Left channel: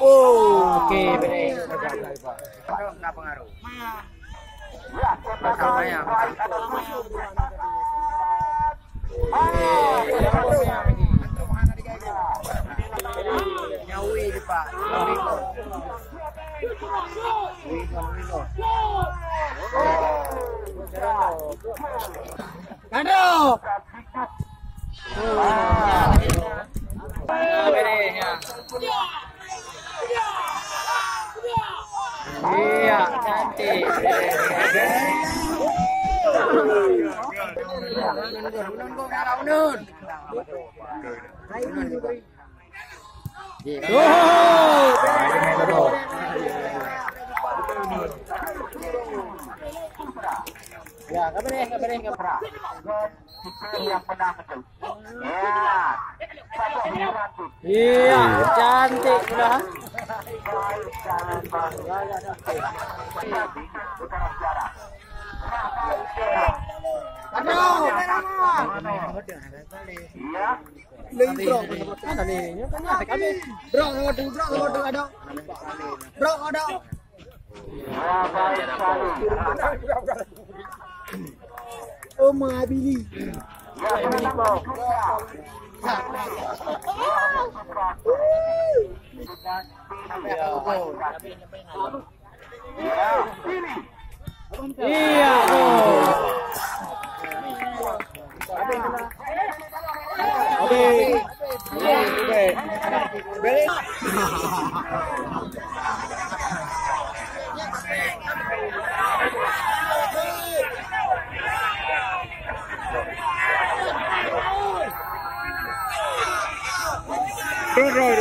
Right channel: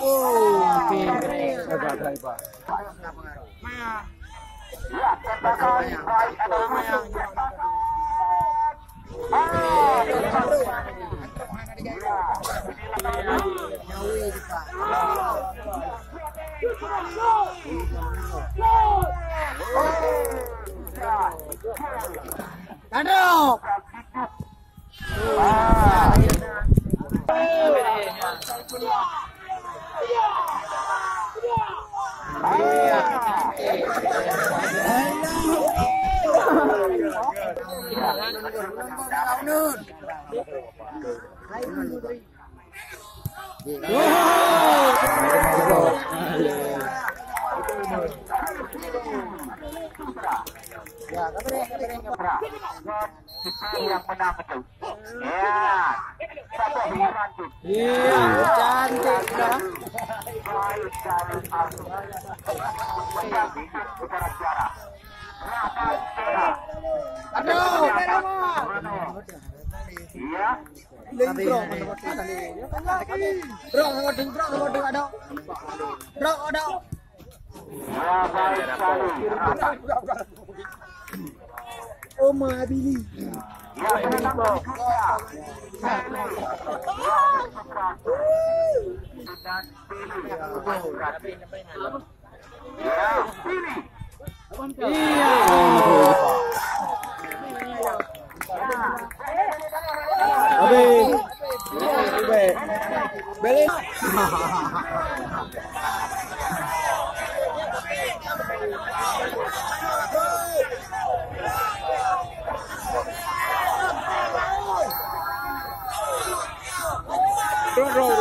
Oh, oke. Aduh. Iya, cantik. Ya, kabarin. Yang menang itu. Ya. Iya, cantik sudah. Aduh. Iya. Bro, ada. Bro, ada. Oh, Mabili. Rồi rồi